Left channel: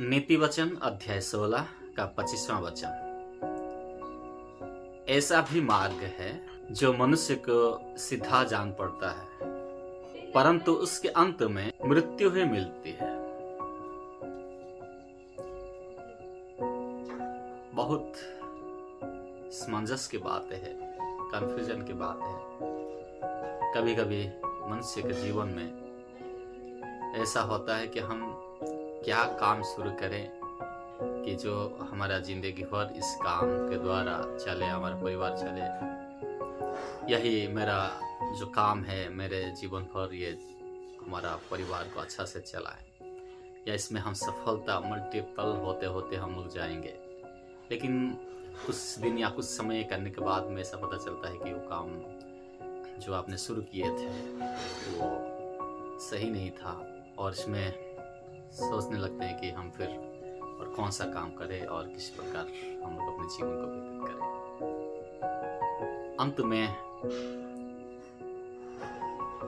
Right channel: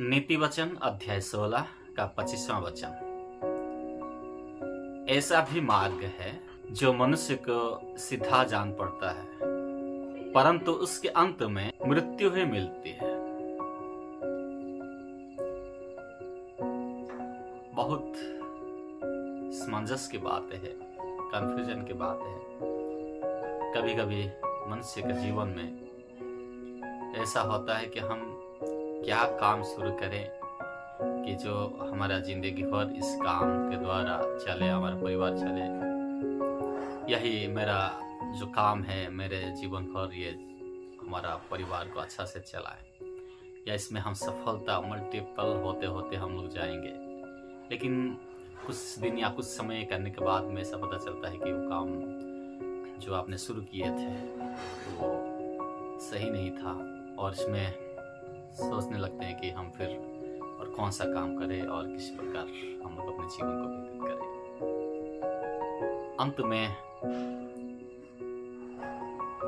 नीति वचन अध्याय 16 का 25वां वचन। ऐसा भी मार्ग है जो मनुष्य को सीधा जान पड़ता है, परंतु उसके अंत में मृत्यु ही मिलती है। बहुत समंजस की बातें है, कंफ्यूजन की बात है। कभी कभी मनुष्य के जीवन में ऐसा होता है कि हम क्या काम शुरू करें कि जो हमारा जिंदगी भर इस काम के द्वारा चले, हमारा परिवार चले। यही मेरा जो काम है, मेरे जीवन भर ये हमारा परिवार को अच्छा से चलाए, या इसमें हम सफलता मल्टीपल होते होते हम लोग जाएंगे। लेकिन कुछ दिन या कुछ समय करने के बाद में ऐसा पता चलता है कि वो काम जो आपने शुरू किए थे वो सही नहीं था, और इसमें सोचने लगते हैं कि हम फिर और कौन सा काम करें और किस प्रकार हम लोग अपने जीवन को व्यतीत करें। अंत में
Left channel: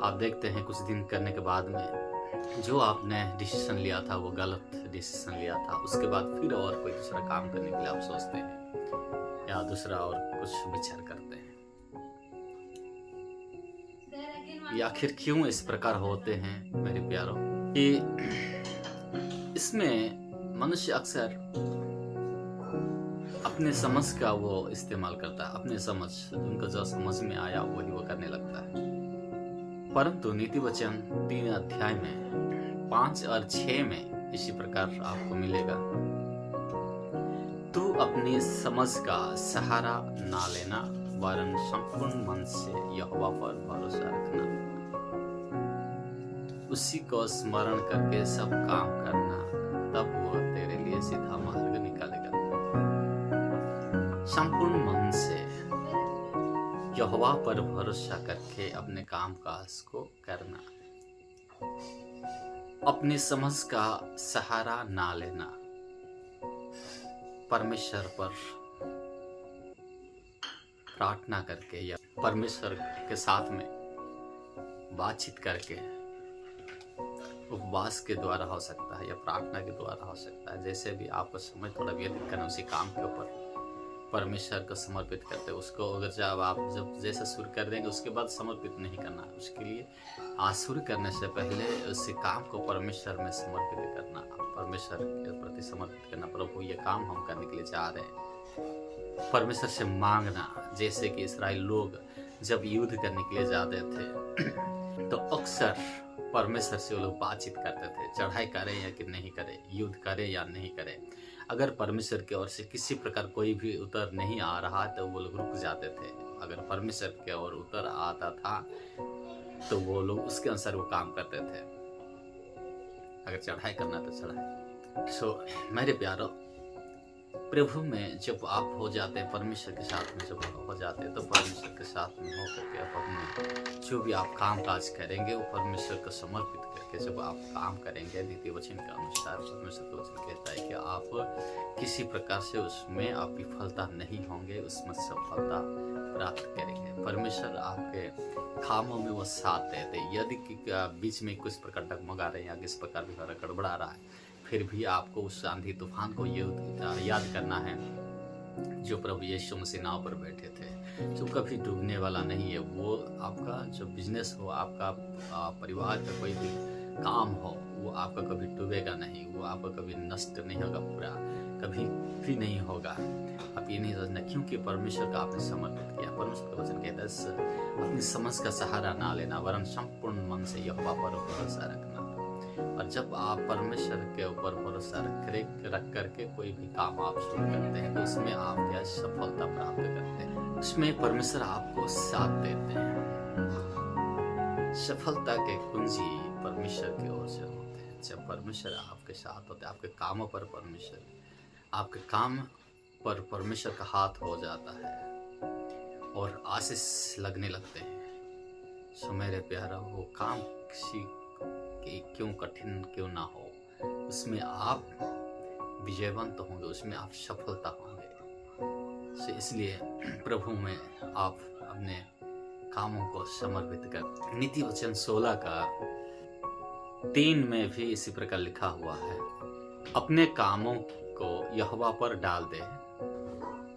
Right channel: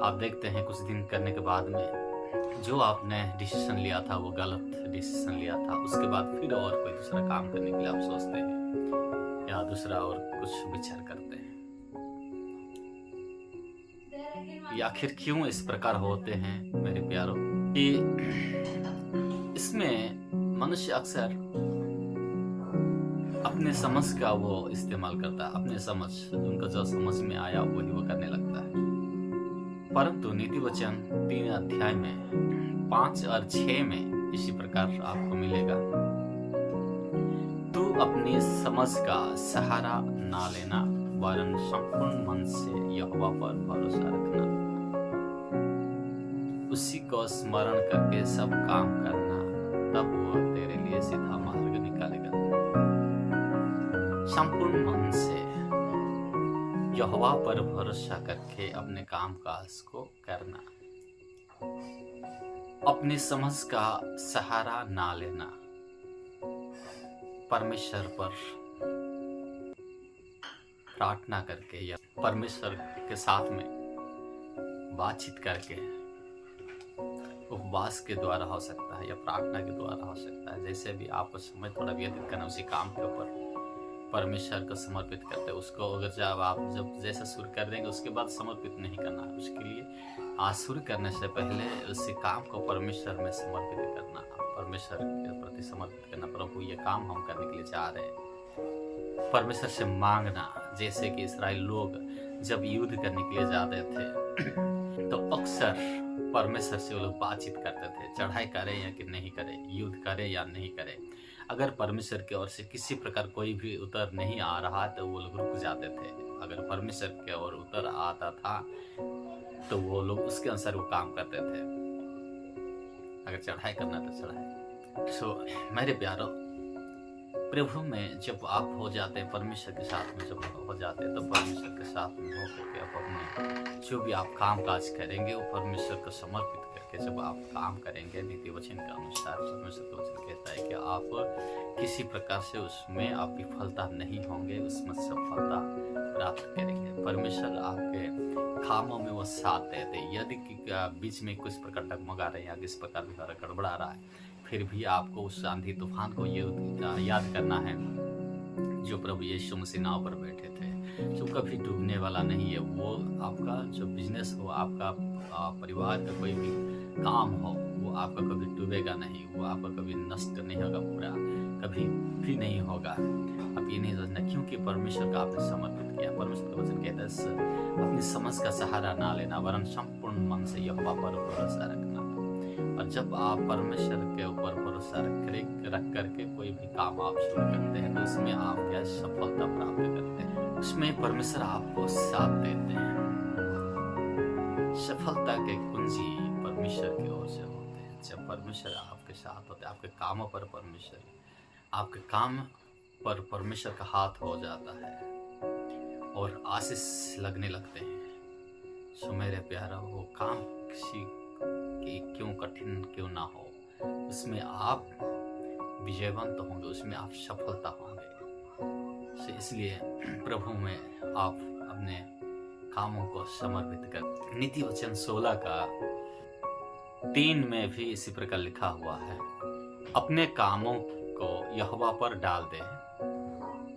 आप देखते हैं कुछ दिन करने के बाद में जो आपने डिसीजन लिया था वो गलत डिसीजन लिया था। उसके बाद फिर और कोई दूसरा काम करने के लिए आप सोचते हैं या दूसरा और कुछ विचार करते हैं। ये आखिर क्यों इस प्रकार होते हैं मेरे प्यारों? कि इसमें मनुष्य अक्सर अपने समझ का वो इस्तेमाल करता है, अपने समझ, उनको जो समझ में आया वही वो करने लगता है। परंतु नीति वचन 3 अध्याय में 5 और 6 में इसी प्रकार आपको मिलेगा। तू अपनी समझ का सहारा ना लेना, वरन संपूर्ण मन से यहोवा पर भरोसा रखना। उसी को स्मरण करके सब काम करना, तब वो तेरे लिए सीधा मार्ग निकालेगा। संपूर्ण मन से यहोवा पर भरोसा करके अपने काम काज को करना, अपनी समझ का सहारा ना लेना, परमेश्वर पर प्रार्थना करके या परमेश्वर के साथ में बातचीत करके, उपवास के द्वारा हो सकता है या प्रार्थना के द्वारा हो सकता है। जैसे भी आपको समय थोड़ा व्यतीत करना, उसी काम के ऊपर परमेश्वर को समर्पित करते हैं। उसको अगर जब जैसा शुरू कर देंगे उसके बाद समर्पित नहीं करना। उसके लिए आज शुरू करने से पहले उसी काम को परमेश्वर में समर्पित करना, परमेश्वर के प्रति समर्पित करना। प्रभु ये काम हम करने के लिए जा रहे हैं, परमेश्वर से मांगना। जैसे कि इस्राएल लोग जब युद्ध करने के लिए जाते थे तो अक्सर परमेश्वर से वो लोग बातचीत करते थे, चढ़ाई करें या कि नहीं करें, युद्ध करें या नहीं करें। अगर परमेश्वर की ओर से किसी प्रकार कोई भी उत्तर नहीं आ रहा तो वो लोग रुक जाते थे। अगर परमेश्वर की ओर उत्तर आता था तो वो लोग उसके अनुसार वो काम करते थे। अगर चढ़ाई करना तो चढ़ाई। मेरे प्यारों, प्रभु में जब आप हो जाते हैं, परमेश्वर के साथ में जब हो जाते हैं, तो परमेश्वर के साथ में हो करके आप अपने जो भी आप काम काज करेंगे वो परमेश्वर को समर्पित करके जब आप काम करेंगे, नीति वचन के अनुसार परमेश्वर का वचन कहता है कि आप किसी प्रकार से उसमें आप विफलता नहीं होंगे, उसमें सफलता प्राप्त करेंगे। परमेश्वर आपके कामों में वो साथ देते। यदि बीच में कुछ प्रकार डगमगा रहे हैं या किस प्रकार भी गड़बड़ा रहा है, फिर भी आपको उस आंधी तूफान को याद करना है जो प्रभु यीशु मसीह नाव पर बैठे थे, जो कभी डूबने वाला नहीं है। वो आपका जो बिजनेस हो, आपका परिवार का कोई भी काम हो, वो आपका कभी डूबेगा नहीं, वो आपका कभी नष्ट नहीं होगा, पूरा कभी भी नहीं होगा। आप ये नहीं सोचना क्योंकि परमेश्वर का आपने समर्पित किया। परमेश्वर का वचन कहता है अपनी समझ का सहारा ना लेना, वरन संपूर्ण मन से यहोवा पर भरोसा रखना। और जब आप परमेश्वर के ऊपर भरोसा रख करके कोई भी काम आप शुरू करते हैं तो उसमें आप क्या सफलता प्राप्त करते हैं, उसमें परमेश्वर आपको साथ देते हैं। सफलता के कुंजी परमेश्वर की ओर से होते हैं। जब परमेश्वर आपके साथ होते हैं, आपके कामों पर आपके काम पर परमेश्वर का हाथ हो जाता है और आशीष लगने लगते हैं। सो मेरे प्यारा, वो काम किसी कि क्यों कठिन क्यों ना हो, उसमें आप विजयवंत होंगे, उसमें आप सफलता होंगे। इसलिए प्रभु में आप अपने कामों को समर्पित कर। नीति वचन 16 का 3 में भी इसी प्रकार लिखा हुआ है। अपने कामों को यहोवा पर डाल दे,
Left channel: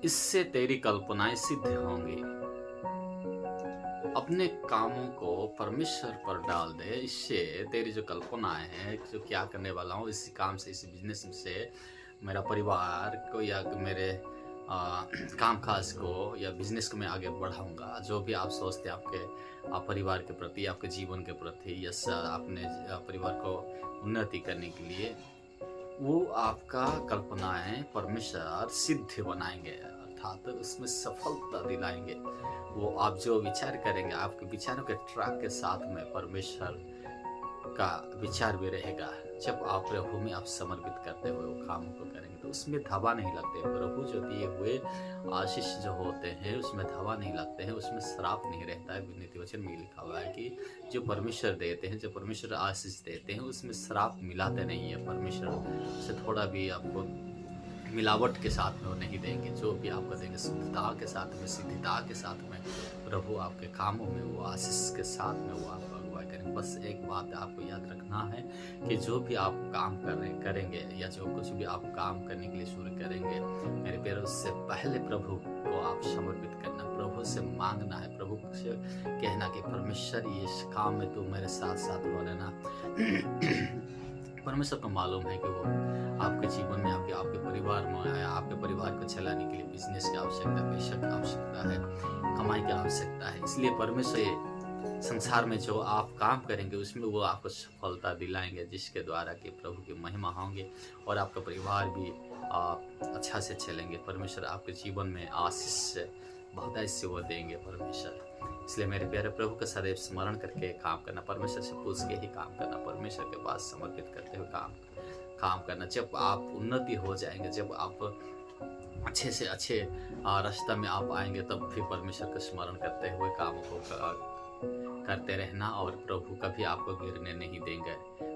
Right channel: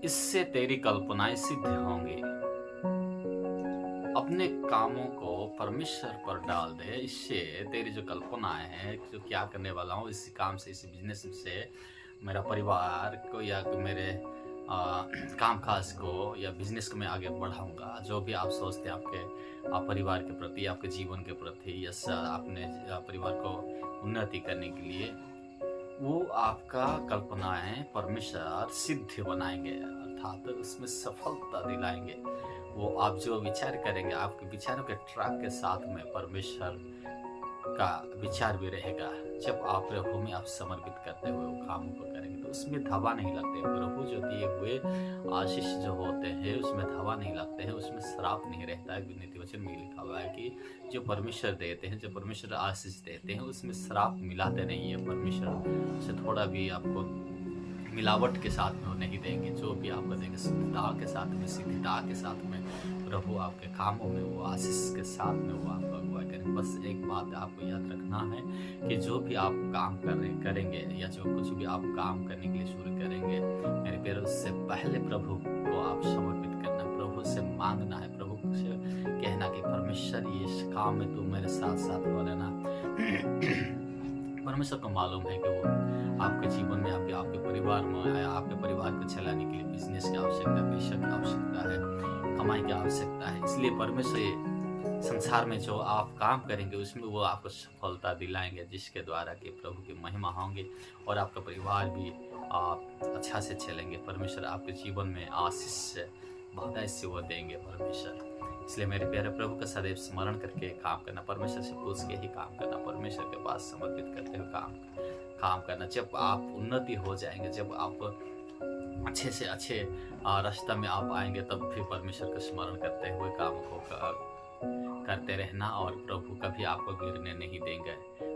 इससे तेरी कल्पनाएं सिद्ध होंगी। अपने कामों को परमेश्वर पर डाल दे, इससे तेरी जो कल्पनाएं हैं, जो क्या करने वाला हूँ इसी काम से, इसी बिजनेस से मेरा परिवार को या मेरे काम काज को या बिजनेस को मैं आगे बढ़ाऊंगा। जो भी आप सोचते हैं आपके परिवार के प्रति, आपके जीवन के प्रति या अपने परिवार को उन्नति करने के लिए, वो आपका कल्पनाएं परमेश्वर सिद्ध बनाएंगे, अर्थात उसमें सफलता दिलाएंगे। वो आप जो विचार करेंगे, आपके विचारों के ट्रैक के साथ में परमेश्वर का विचार भी रहेगा। जब आप प्रभु में आप समर्पित करते हुए वो कामों को करेंगे तो उसमें धावा नहीं लगते। प्रभु जो दिए हुए आशीष जो होते हैं उसमें धावा नहीं लगते हैं, उसमें श्राप नहीं रहता है। नीति वचन में लिखा हुआ है कि जो परमेश्वर देते हैं, जो परमेश्वर आशीष देते हैं, उसमें श्राप मिलाते नहीं है। परमेश्वर से थोड़ा भी आपको मिलावट के साथ में वो नहीं देंगे। जो भी आपको देंगे शुद्धता के साथ में, सिद्धता के साथ में प्रभु आपके कामों में वो आशीष के साथ में वो आपको अगुवाई करेंगे। बस एक बात आपको याद रखना है कि जो भी आप काम करेंगे या जो कुछ भी आप काम करने के लिए शुरू करेंगे, मेरे प्यारे, उससे पहले प्रभु को आप समर्पित करना, प्रभु से मांगना है, प्रभु से कहना कि परमेश्वर इस काम में तू मेरे साथ साथ हो लेना। परमेश्वर को मालूम है कि वो आपके जीवन में, आपके परिवार में, आपके परिवार को चलाने के लिए बिजनेस की आवश्यकता है, पैसा की आवश्यकता है, कमाई की आवश्यकता है। इसलिए परमेश्वर संसार में जो आप काम करेंगे उसमें वो आपको सफलता दिलाएंगे, जिसके द्वारा कि प्रभु की महिमा होंगे और आपका परिवार भी अच्छा से चलेंगे। परमेश्वर आपके जीवन में आशीष बहुत ऐसे वो देंगे परमेश्वर। इसलिए मेरे प्यारे, प्रभु का सदैव स्मरण करके काम करना, परमेश्वर से पूछ के ही काम करना, परमेश्वर के पास समर्पित करते हुए काम करना। जब आप उन्नति हो जाएंगे, जब आप अच्छे से अच्छे रास्ता में आप आएंगे, तब भी परमेश्वर का स्मरण करते हुए कामों को करते रहना और प्रभु कभी आपको गिरने नहीं देंगे।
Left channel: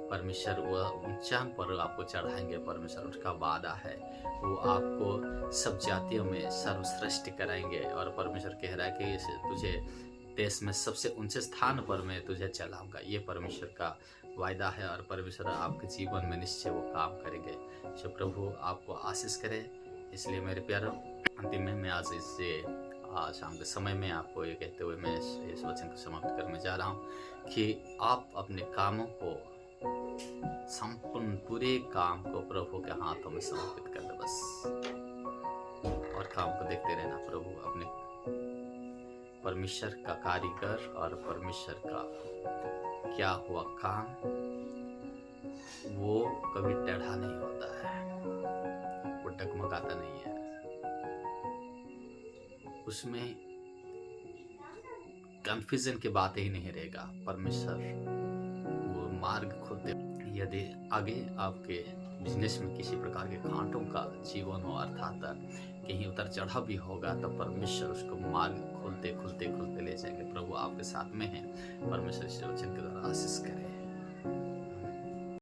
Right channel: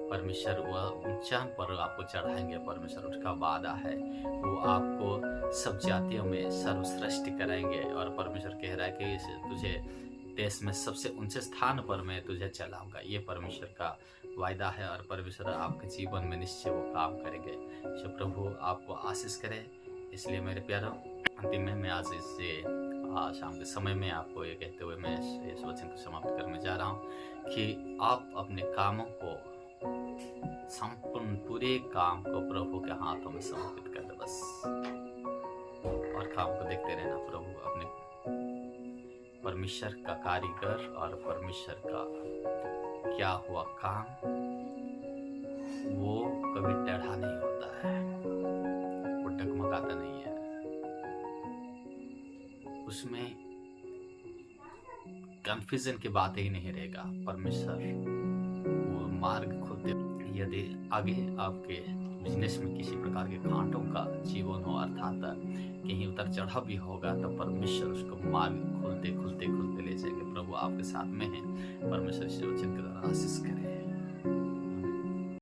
परमेश्वर वह ऊंचाई पर आपको चढ़ाएंगे। परमेश्वर उसका वादा है, वो आपको सब जातियों में सर्वश्रेष्ठ कराएंगे। और परमेश्वर कह रहा है कि तुझे देश में सबसे ऊंचे स्थान पर मैं तुझे चलाऊंगा। ये परमेश्वर का वायदा है और परमेश्वर आपके जीवन में निश्चय वो काम करेंगे। जो प्रभु आपको आशीष करे। इसलिए मेरे प्यारों, अंतिम में मैं आज इससे शाम के समय में आपको ये कहते हुए मैं इस वचन को समाप्त करने जा रहा हूँ कि आप अपने कामों को, संपूर्ण पूरे काम को प्रभु के हाथों में समर्पित कर दे बस, और काम को देखते रहना। प्रभु अपने परमेश्वर का कारीगर और परमेश्वर का क्या हुआ काम, वो कभी टेढ़ा नहीं होता है, वो डगमगाता नहीं है, उसमें कंफ्यूजन की बात ही नहीं रहेगा। परमेश्वर वो मार्ग खोलते। यदि आगे आपके बिजनेस में किसी प्रकार के कांटों का जीवन हो, अर्थात कहीं उतर चढ़ाव भी होगा, तो परमेश्वर उसको मार्ग खुलते खुलते खुलते ले जाएंगे। प्रभु आपके साथ में है। परमेश्वर इस वचन के द्वारा आशीष करे।